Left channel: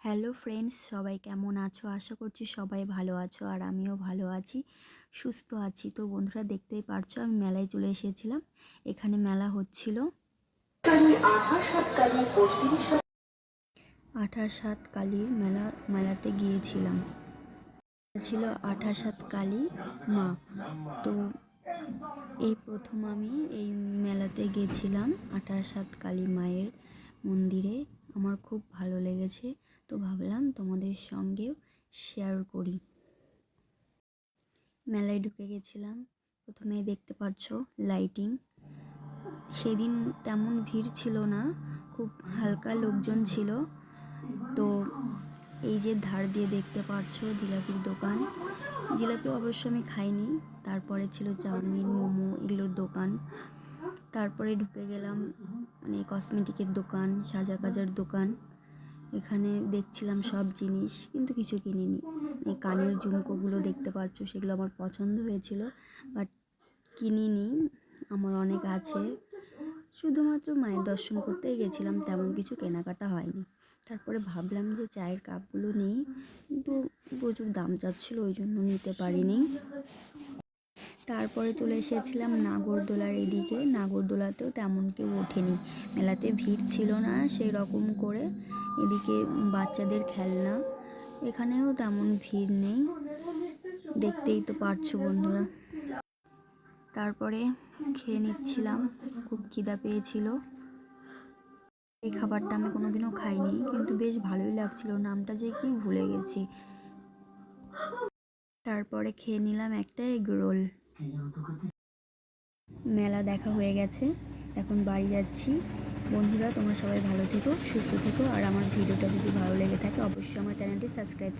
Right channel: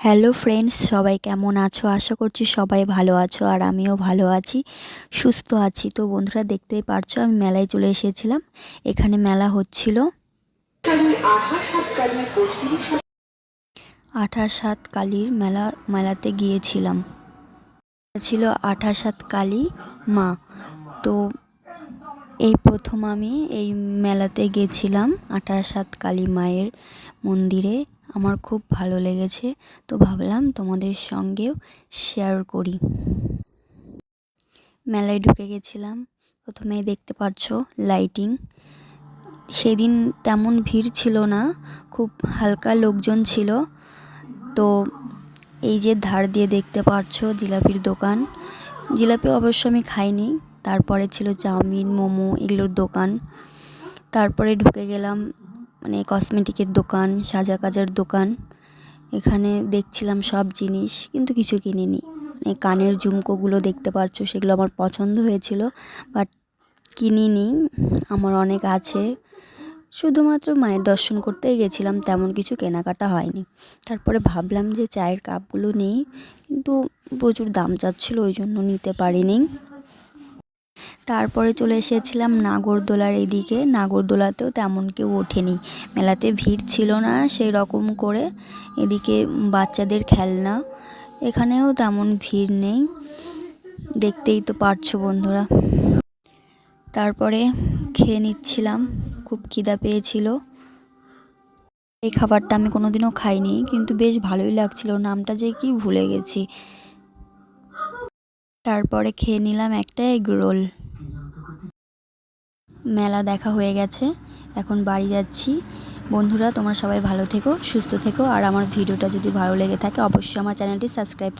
Hello friends সবাই কেমন আছো? আশা করছি সবাই ভালো আছো আর আমিও ভালো আছি, সুস্থ আছি। তো বন্ধুরা, দেখতেই পারছ, আমি মেলায় চলে এসেছিলাম। এখানে মেলা হচ্ছিল। আঠাশ সাত কালীর মেলা, মেলাতে গিয়েছিলাম। ছিল আঠাশ সাত কালী মা। এই প্রথম আমি এই মেলাতে গেছিলাম আঠাশ সাত কালী মায়ের মন্দিরে। আমার খুব ভালো লেগেছে। তো ভাবলাম তোমাদের সঙ্গেও শেয়ার করি। মেলায় ঢুকে গেছিলাম। প্রথমে দেখতে পাচ্ছ লাইটিং সেদিন তেমন ভিড় ছিল না, খুব হালকা লোকজন ছিল। তো এই যে ধার দিয়ে দেখতে পাচ্ছ জিলাপির দোকান। জিলাপি অবশ্য আমি খাইনি। তারপরে ছিল চাউমিন, মোমো এগুলোর দোকান। তারপরে ঢুকে গেলাম মানে কসমেটিকের দোকান, সাজা কাজার দোকান। এখানে দেখছিলাম সব জিনিস, কিন্তু কিছু কিনিনি। মানে কানের ঝুমকোগুলো দেখতে পাচ্ছ সেগুলো আমার পছন্দ হয়েছিল বাট কিনিনি, আমার অনেক আছে। শুধুমাত্র মায়ের দর্শন করতেই গেছিলাম, তেমন কিছু কেনাকাটা হয়নি। তারপরে ভাবলাম যে চায়ের কাপগুলো নেই, কিন্তু প্রচুর দাম চাচ্ছিলো, ওই জন্য নিতে পারিনি। তারপরে চলে এসেছিলাম নাগরদোলার এদিকে। নাগরদোলাতেও তেমন কেউ ওঠেনি। মেলাতে ভিড় ছিল না সেই রকম করে। এদিকে বাচ্চাদের খেলনা, এখানেও তেমন ভিড় নেই। দেখতেই তো পারছ বন্ধুরা। তারপরে খেয়ে নিচ্ছিলাম। খুব খিদা পেয়েছিল। এই খাবারটা আমি কোনোদিনও খাইনি, কিন্তু বেশ ভালোই লাগছিল। নামটা যে কি ভুলে গেছি। তারপরে খেয়ে নিলাম একটা এগ রোল। মেলা দেখা হয়ে গেছে, এখন বাড়ি যাচ্ছি। বন্ধুরা, তোমরা সবাই ভালো থেকো, সুস্থ থেকো, আর আমার ভিডিওটা যদি ভালো লেগে থাকে, অবশ্যই আমার চ্যানেলটি সাবস্ক্রাইব